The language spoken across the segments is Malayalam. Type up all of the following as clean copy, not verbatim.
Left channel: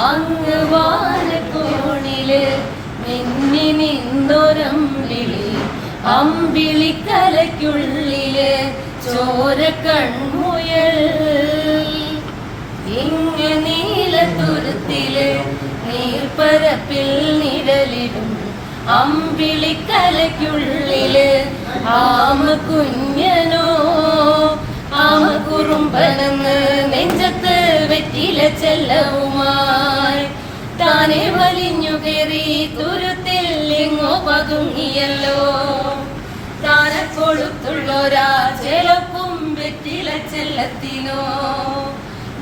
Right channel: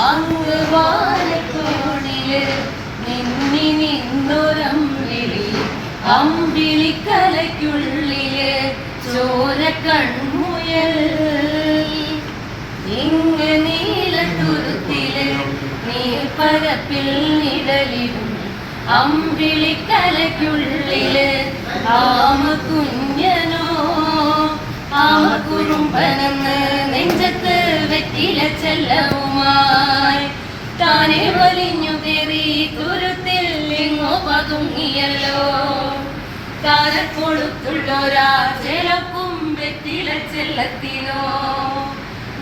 അങ്ങ് വാനക്കോണില് നിന്നി നിന്നൊരമ്പിളി അമ്പിളിക്കലയ്ക്കുള്ളില് ചോര കൺമുയൽ ഇങ്ങ നീലത്തുരുത്തില് നീർപ്പരപ്പിൽ നിഴലിടും അമ്പിളിക്കലയ്ക്കുള്ളില് ആമ കുഞ്ഞനോ ആമ കുറുമ്പനെന്ന് നെഞ്ചത്ത് വെറ്റില ചെല്ലവുമായി താനെ വലിഞ്ഞു കയറി തുരുത്തിൽ ഇങ്ങോ പതുങ്ങിയല്ലോ താരക്കൊടുത്തുള്ളൊരാ ചെലപ്പും വെറ്റില ചെല്ലത്തിനോ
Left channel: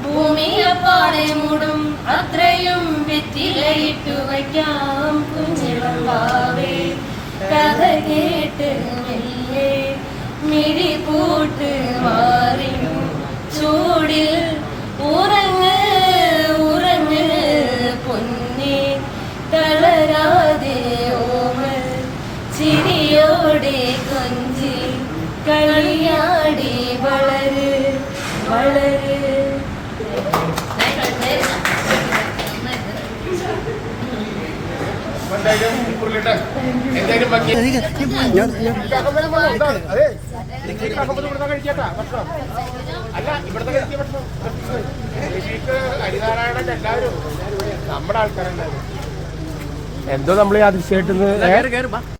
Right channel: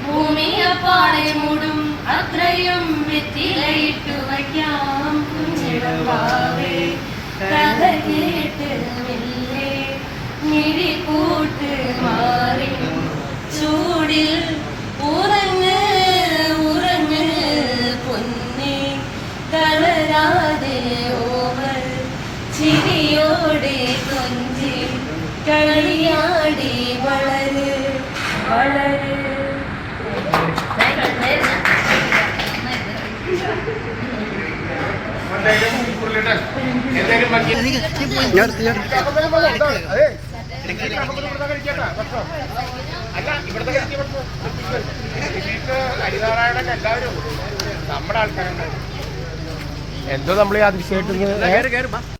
ഭൂമിയപ്പാടെ മൂടും അത്രയും വെറ്റിലയിട്ടു വയ്ക്കാം കുഞ്ഞിടമാവേ കഥ കേട്ട് മെല്ലെ മിഴി കൂട്ട് മാറി ചൂടിൽ ഉറങ്ങ് ഉറങ്ങ് പൊന്നെ തളരാതെ ഓമൽ ചിരിയോടെ കൊഞ്ചി കളിയാടി വളര് വളര്. എന്തോ നമ്മൾ യാദൃശ്യമായിട്ട്